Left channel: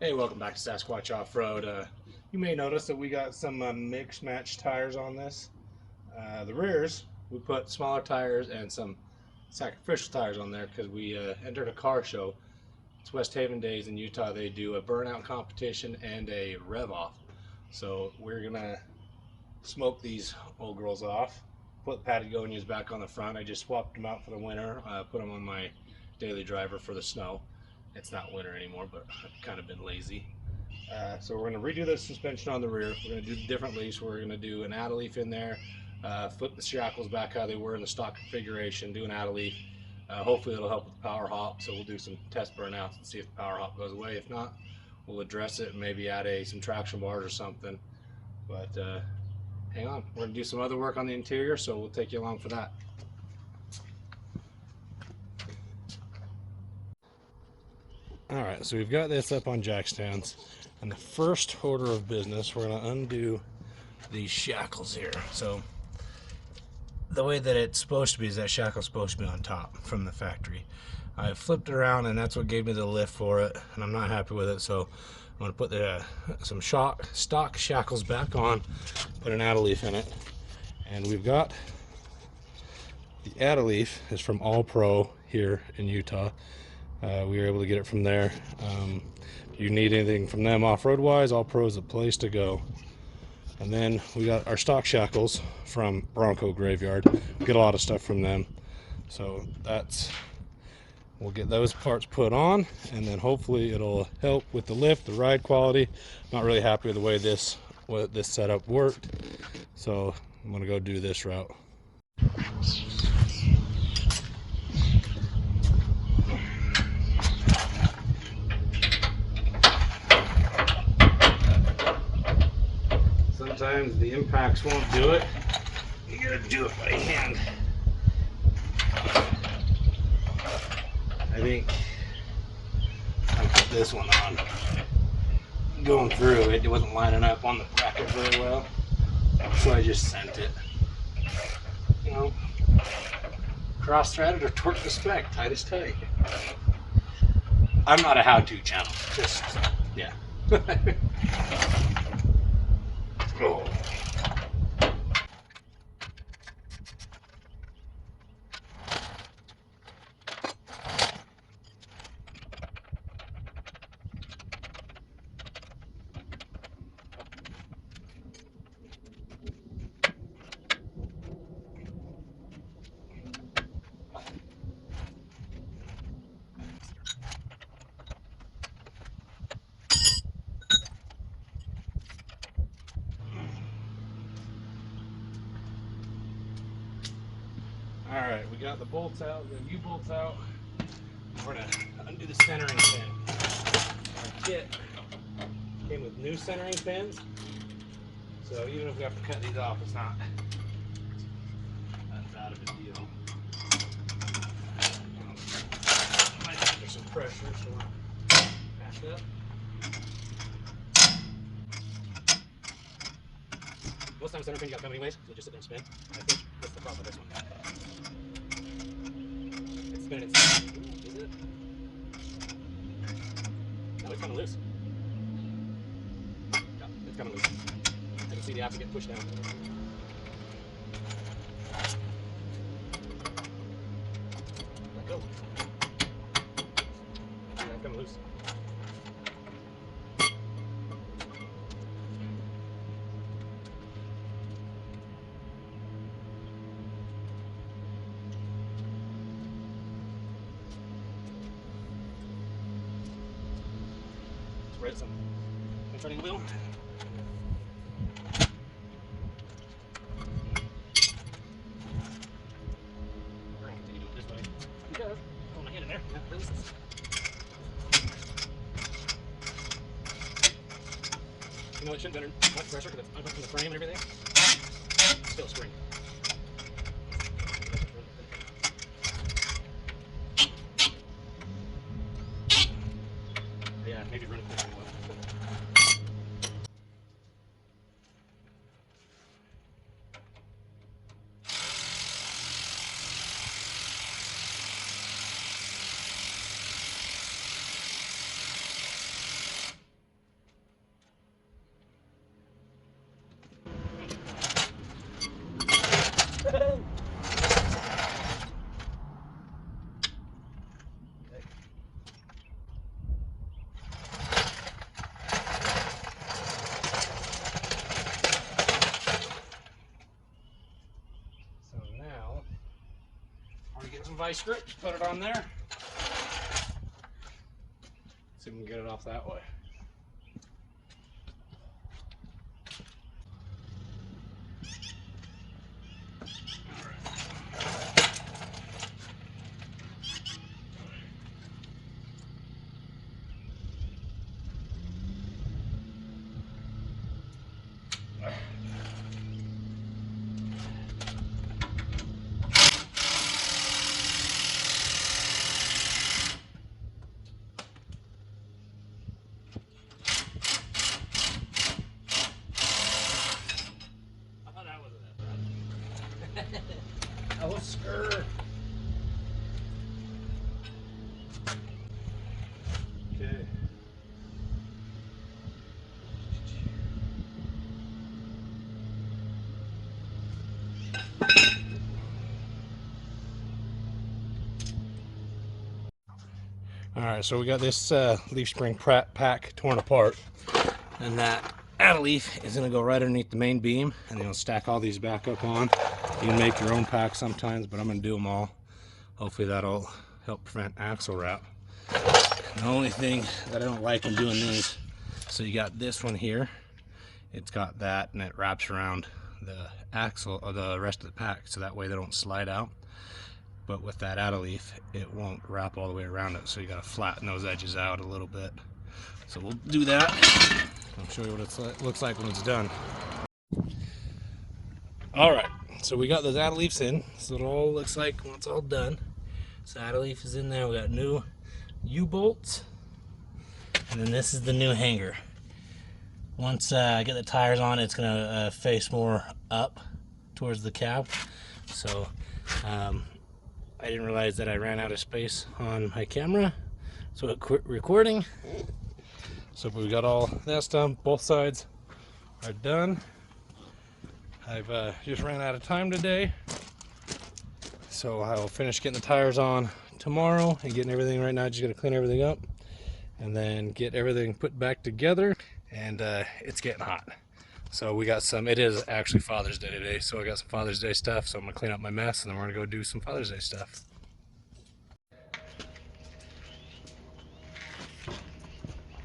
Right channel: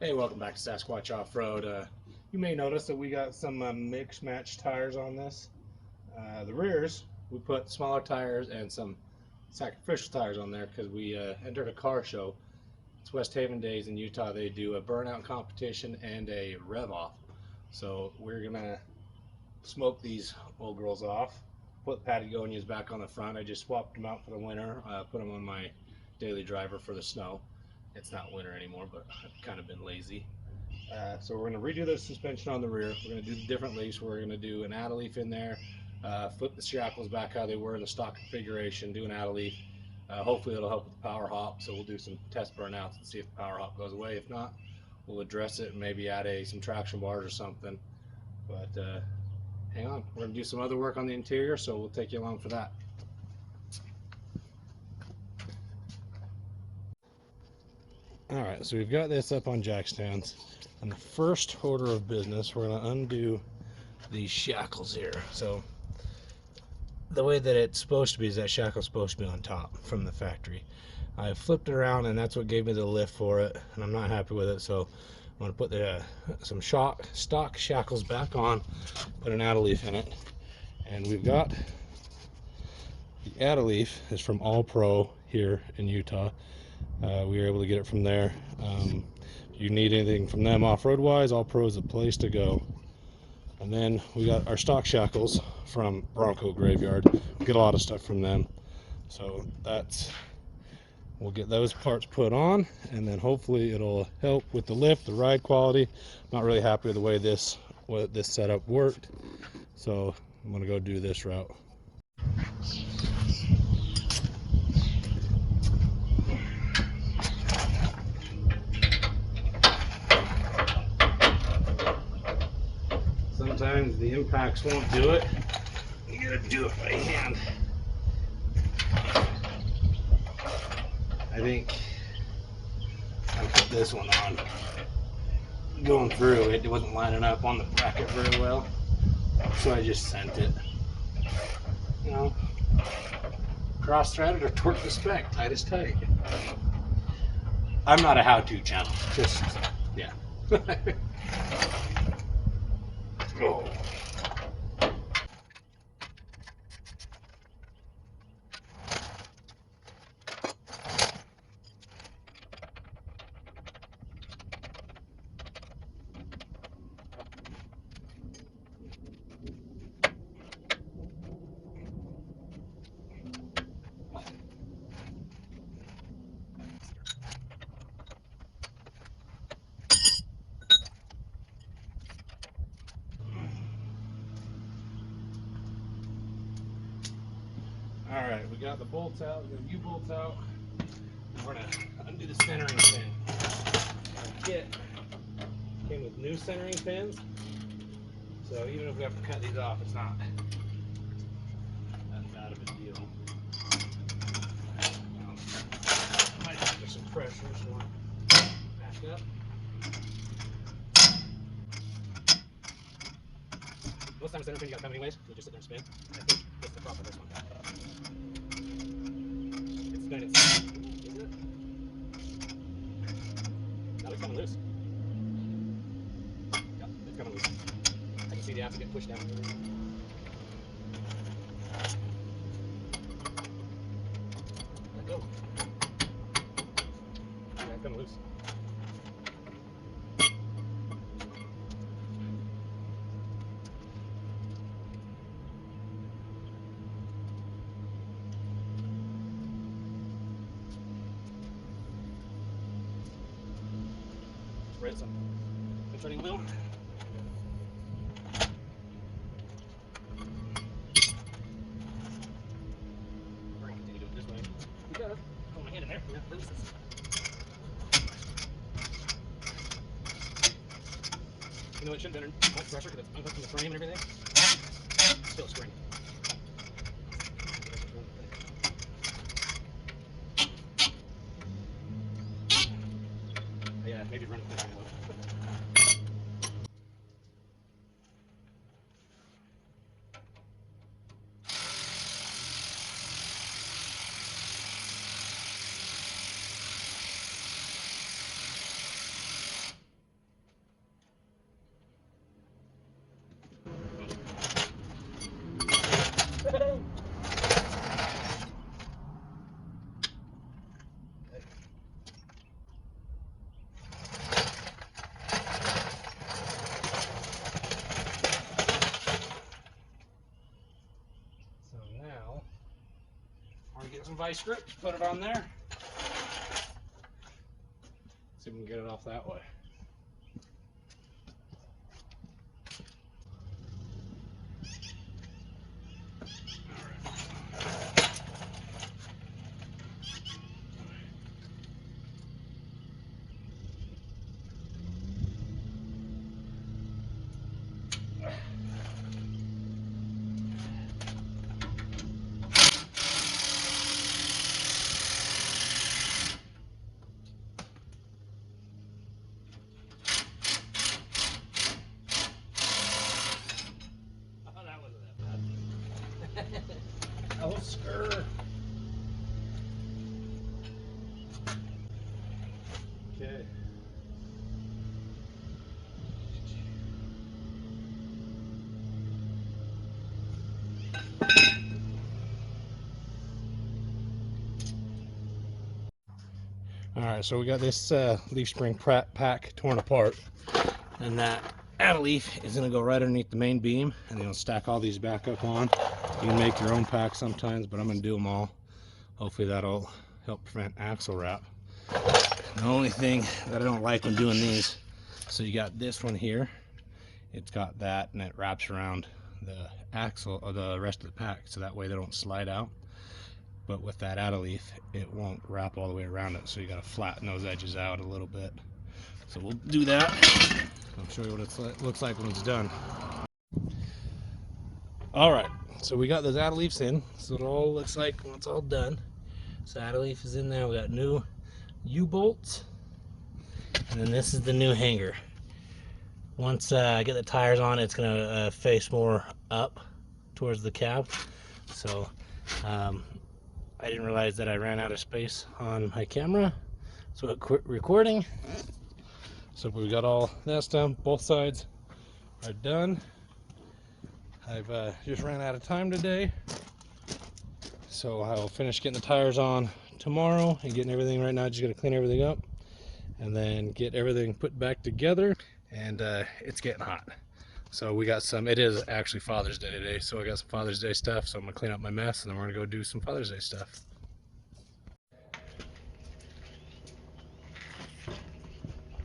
Hey, welcome back to Sasquatch Off-Road. You may notice that we got some mix-match tires on this. The rears, we put smaller tires and some sacrificial tires on there because we entered a car show. It's West Haven Days in Utah. They do a burnout competition and a rev off. So we're gonna smoke these old girls off, put Patagonias back on the front. I just swapped them out for the winter, put them on my daily driver for the snow. It's not winter anymore, but I've kind of been lazy. So we're going to redo the suspension on the rear. We're going to do the different leafs. We're going to do an add a leaf in there, flip the shackles back how they were in the stock configuration, do an add a leaf. Hopefully it'll help with the power hop. So we'll do some test burnouts and see if the power hop goes away. If not, we'll address it and maybe add some traction bars or something. But hang on, we're going to do some other work on the interior, so we'll take you along for that. All right, so we've got this up on jack stands, and the first order of business, we're going to undo these shackles here. So the way that it's supposed to be is that shackle's supposed to be on top from the factory. I flipped it around, and that's what gave me the lift for it, and I'm not happy with it. So I'm going to put some stock shackles back on, put an add a leaf in it, and we've got the add a leaf is from All Pro here in Utah. We were able to get it from there. If you need anything from them off-road wise, All Pro is the place to go. And then we got our stock shackles from Bronco Graveyard. We get a lot of stuff from them. So we'll get those parts put on, and then hopefully it'll help with the lift, the ride quality. I'm not really happy with the way this setup worked. So I'm gonna go do this route. Sometimes the impacts won't do it. You gotta do it by hand. I think I put this one on. Going through, it wasn't lining up on the bracket very well, so I just sent it. You know, cross-threaded or torque to spec, tight is tight. I'm not a how-to channel, just, yeah. Oh. All right, we got the bolts out, the U-bolts out. We're gonna undo the centering pin. Our kit came with new centering pins, so even if we have to cut these off, it's not that bad of a deal. Might be under some pressure, so we'll back up. Most times center pin you got to cut anyways, so you just sit there and spin. I think this is the problem with this one. It's spinning. Is it? No, it's coming loose. Yeah, it's coming loose. I can see the axle get pushed down. Let go. It's coming loose. Spread some concerning the wheel. We're going to continue doing it this way. Because I hold my hand in there, that looses. You know, it shouldn't be under less pressure because it's unhooked from the frame and everything. It's still a spring. Yeah, maybe run it back a little bit. vice grip, put it on there. See if we can get it off that way. Oh, skirt. Okay. All right, so we got this leaf spring pack torn apart, and that add leaf is gonna go right underneath the main beam, and then you'll stack all these back up on. You can make your own pack sometimes, but I'm gonna do them all. Hopefully that'll help prevent axle wrap. And the only thing that I don't like in doing these, so you got this one here, it's got that, and it wraps around the axle or the rest of the pack, so that way they don't slide out. But with that add leaf, it won't wrap all the way around it, so you got to flatten those edges out a little bit. So we'll do that. I'll show you what it looks like when it's done. All right, so we got those add leaves in. So it all looks like when it's all done. So add leaf is in there. We got new U-bolts, and then this is the new hanger. Once I get the tires on, it's gonna face more up towards the cab. So I didn't realize that I ran out of space on my camera, so it quit recording. So we got all that done. Both sides are done. I've just ran out of time today, so I'll finish getting the tires on tomorrow and getting everything. Right now, just gotta clean everything up and then get everything put back together. And it's getting hot, so we got some. It is actually Father's Day today, so I got some Father's Day stuff. So I'm gonna clean up my mess, and then we're gonna go do some Father's Day stuff.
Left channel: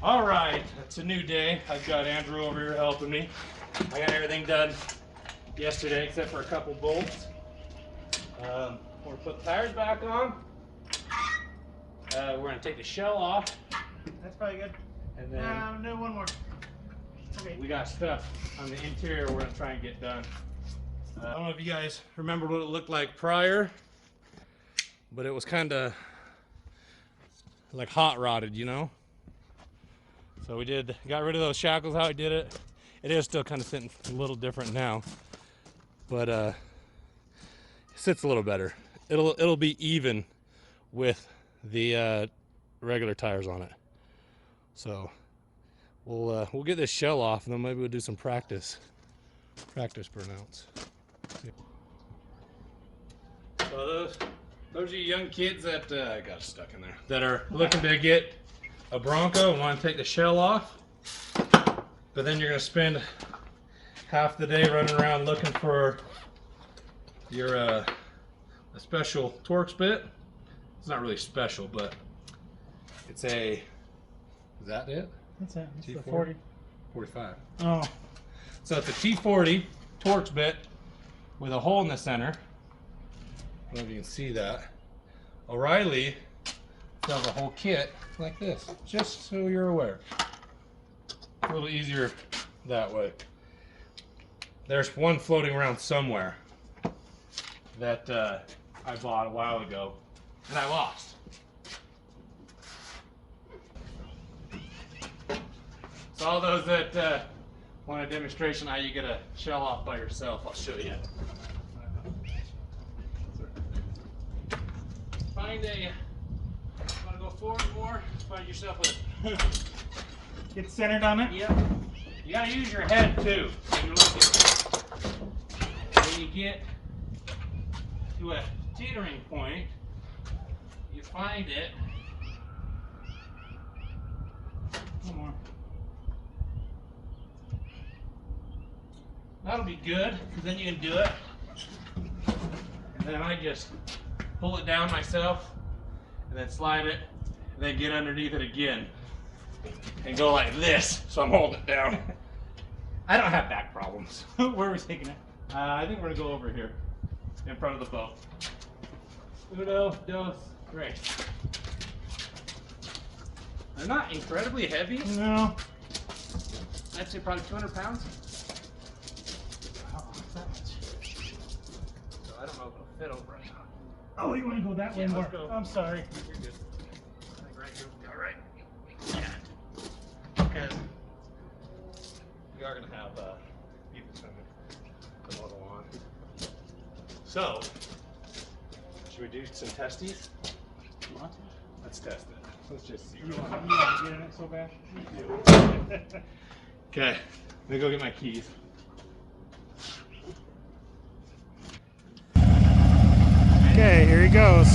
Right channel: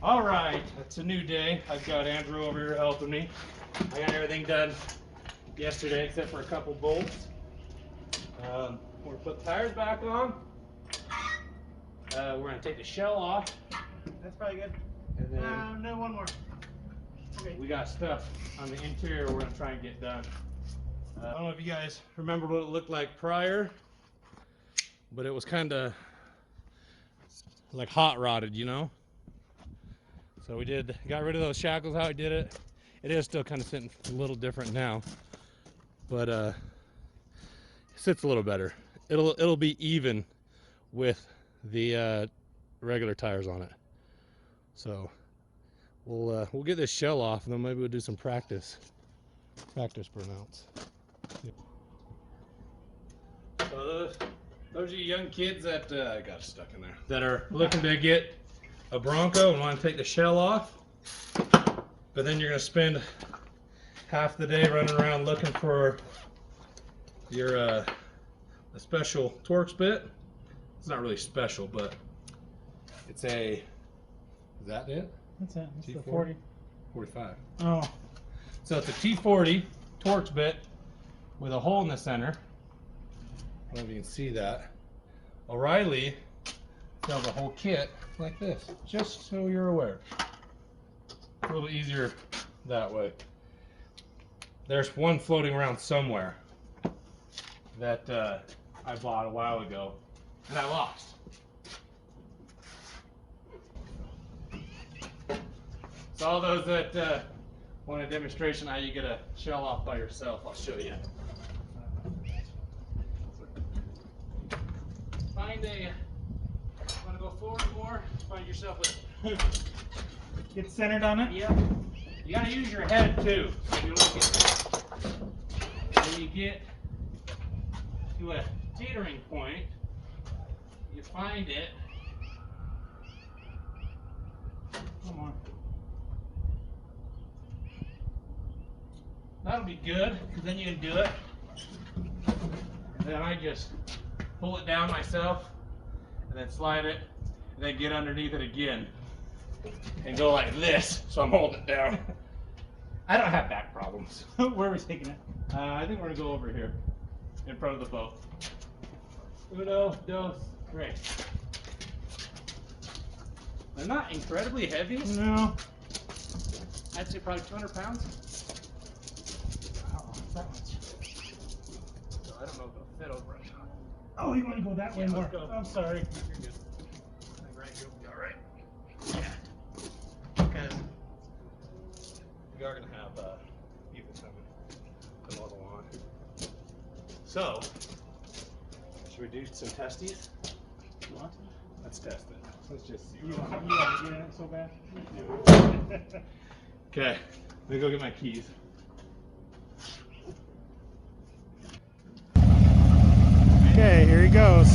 All right, it's a new day. I've got Andrew over here helping me. I got everything done yesterday except for a couple bolts. We're gonna put the tires back on. We're gonna take the shell off. That's probably good. And then no, one more. Okay. We got stuff on the interior we're gonna try and get done. I don't know if you guys remember what it looked like prior, but it was kind of like hot rodded, you know? So we got rid of those shackles, how I did it. It is still kind of sitting a little different now, but it sits a little better. It'll be even with the regular tires on it. So we'll get this shell off, and then maybe we'll do some practice burnouts. So those are you young kids that got stuck in there, that are looking to get a Bronco and want to take the shell off, but then you're going to spend half the day running around looking for your a special Torx bit. It's not really special, but it's a, is that it? What's that? It's T40? the 40. 45. Oh. So it's a T40 Torx bit with a hole in the center. I don't know if you can see that. O'Reilly sells a whole kit like this, just so you're aware. A little easier that way. There's one floating around somewhere that I bought a while ago, and I lost. So all those that want a demonstration how you get a shell off by yourself, I'll show you. Find a, want to go forward more, find yourself a... Get centered on it? Yep. You gotta use your head too. When you look at it. When you get to a teetering point, you find it. One more. That'll be good, because then you can do it. And then I just pull it down myself, and then slide it, and then get underneath it again, and go like this, so I'm holding it down. I don't have back problems. Where are we taking it? I think we're gonna go over here, in front of the boat. Uno, dos, tres. They're not incredibly heavy. No. I'd say probably 200 pounds. Oh, that much. So I don't know if it'll fit over us. Oh, you want to go that way Yeah, more? let's go. I'm sorry. You're good. I think right here will be all right. Yeah. And we are going to have Ethan send the model on. So, should we do some testies? What? Let's test it. Let's just see. You want to get in it so bad? Okay, let me go get my keys. Okay, here he goes.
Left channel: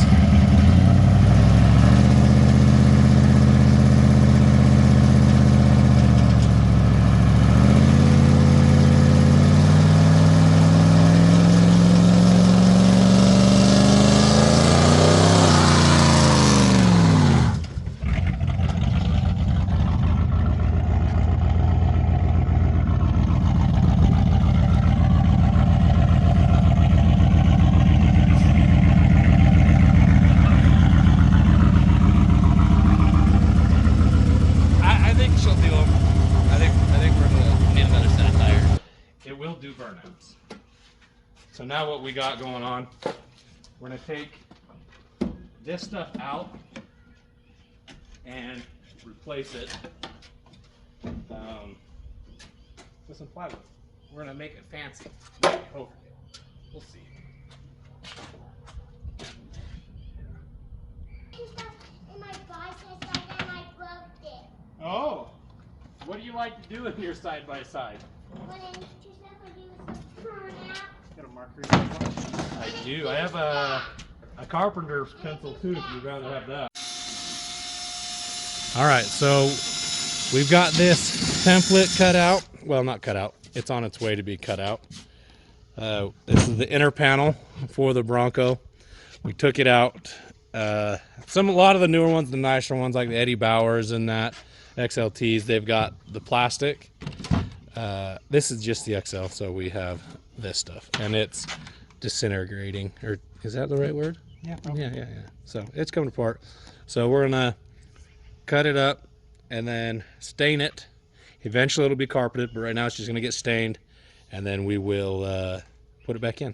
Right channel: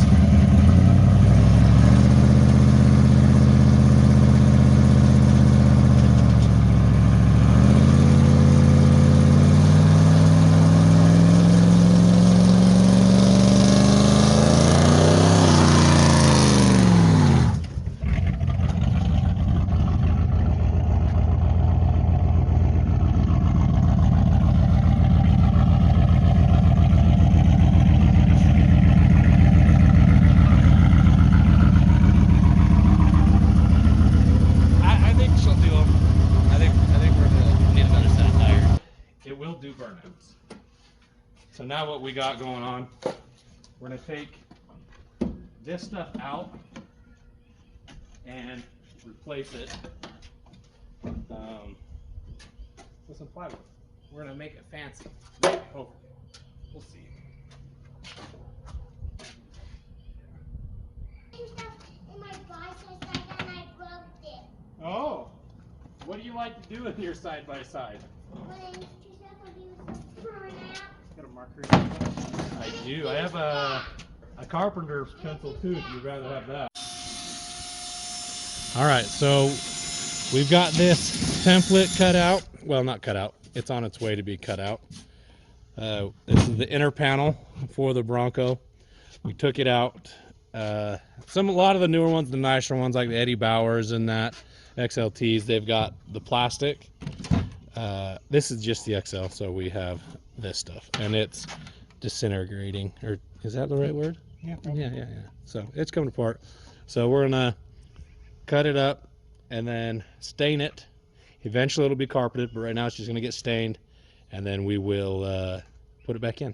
I think she'll do them. I think we're gonna need another set of tires. It will do burnouts. So now what we got going on, we're gonna take this stuff out and replace it with some plywood. We're gonna make it fancy. Hopefully, we'll see. In my bicycle and I broke it. Oh, what do you like to do in your side by side? When I just have to do some turnout. Got a marker. I do. I have a carpenter's pencil too, if you'd rather have that. All right, so we've got this template cut out. Well, not cut out. It's on its way to be cut out. This is the inner panel for the Bronco. We took it out. A lot of the newer ones, the nicer ones like the Eddie Bauers and that XLTs, they've got the plastic. This is just the XL, so we have this stuff, and it's disintegrating, or is that the right word? Yeah. Yeah. So it's coming apart. So we're gonna cut it up and then stain it. Eventually it'll be carpeted, but right now it's just gonna get stained, and then we will put it back in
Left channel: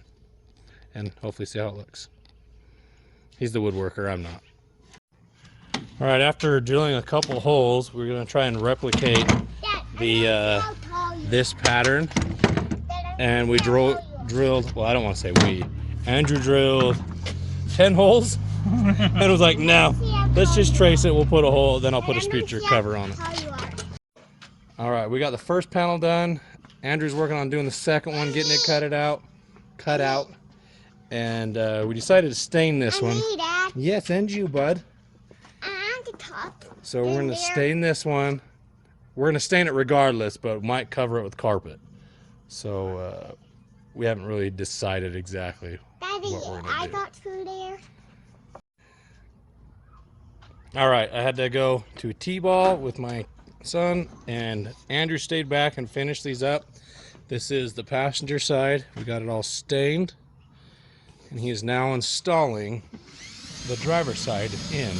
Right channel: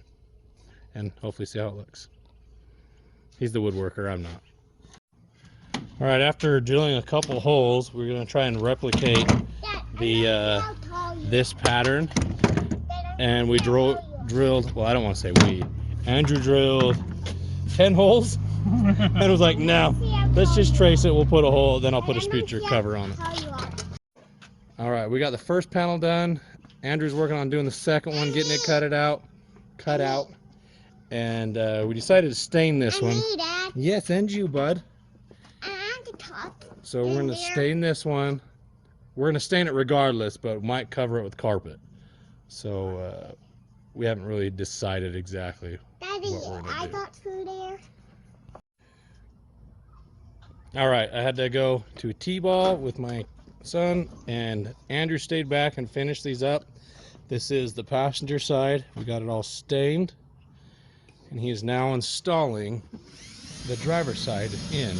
and hopefully see how it looks. He's the woodworker, I'm not. All right, after drilling a couple holes, we're gonna try and replicate the this pattern, and we drilled, well, I don't want to say we, Andrew drilled 10 holes and was like, no, let's just trace it, we'll put a hole, then I'll put a speaker cover on it. All right, we got the first panel done. Andrew's working on doing the second one, getting it cut out, and we decided to stain this one. Yes, and you, bud. So we're gonna stain this one. We're gonna stain it regardless, but might cover it with carpet. So we haven't really decided exactly what we're gonna do. Got through there. All right, I had to go to a T-ball with my son, and Andrew stayed back and finished these up. This is the passenger side. We got it all stained, and he is now installing the driver's side in.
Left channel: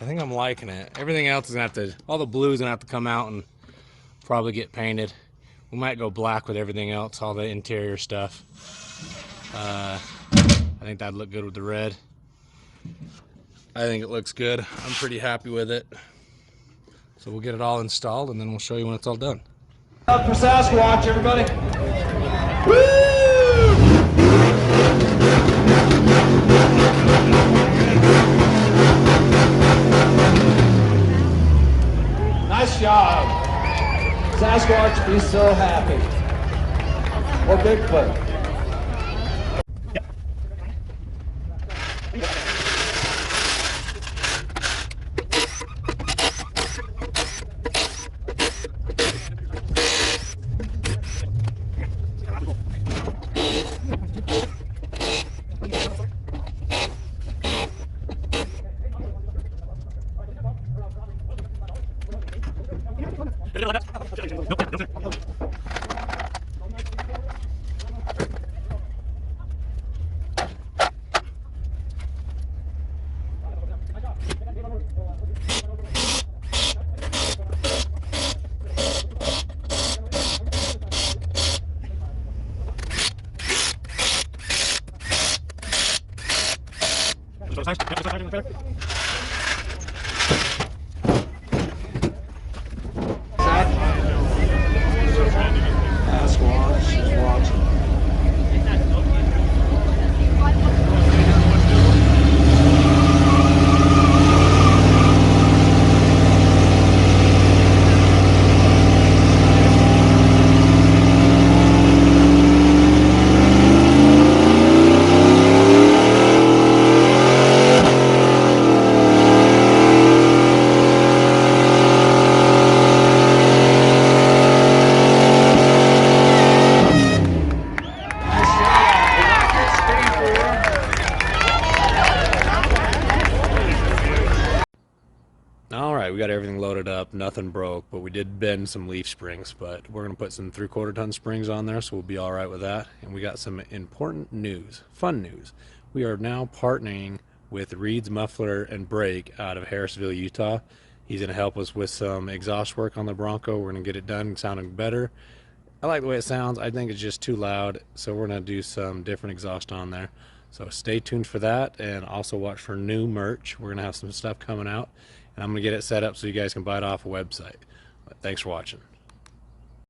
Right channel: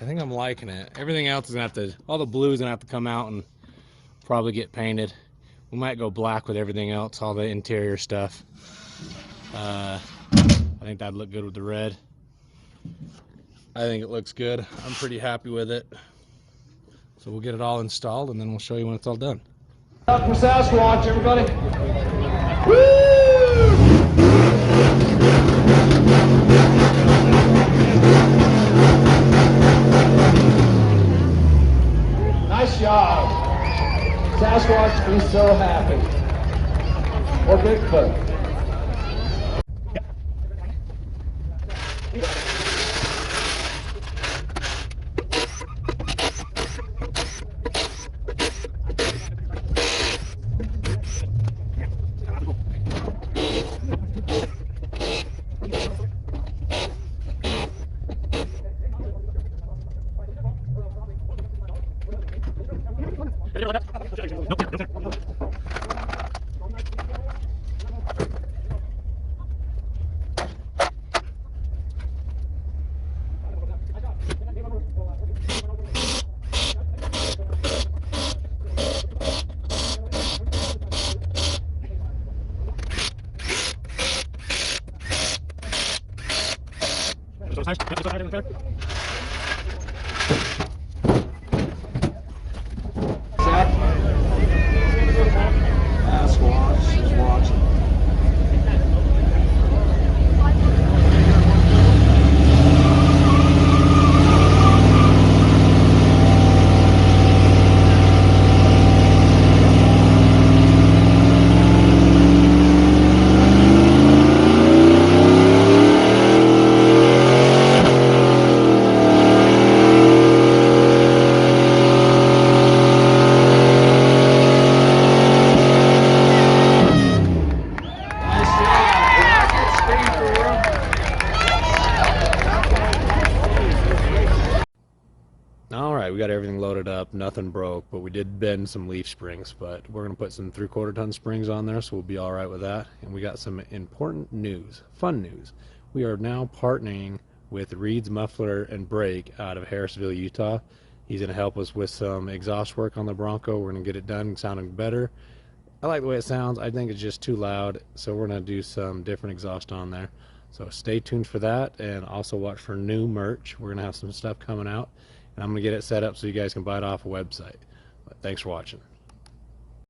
I think I'm liking it. Everything else is gonna have to, all the blue is gonna have to come out and probably get painted. We might go black with everything else, all the interior stuff. I think that'd look good with the red. I think it looks good. I'm pretty happy with it. So we'll get it all installed and then we'll show you when it's all done. For Sasquatch, everybody. Nice job. Sasquatch be so happy. Or Bigfoot. Sasquatch is watching. All right, we got everything loaded up. Nothing broke, but we did bend some leaf springs. But we're going to put some 3/4 ton springs on there, so we'll be all right with that. And we got some important news, fun news. We are now partnering with Reed's Muffler and Brake out of Harrisville, Utah. He's going to help us with some exhaust work on the Bronco. We're going to get it done sounding better. I like the way it sounds. I think it's just too loud, so we're going to do some different exhaust on there. So stay tuned for that, and also watch for new merch. We're going to have some stuff coming out, and I'm going to get it set up so you guys can buy it off a website. But thanks for watching.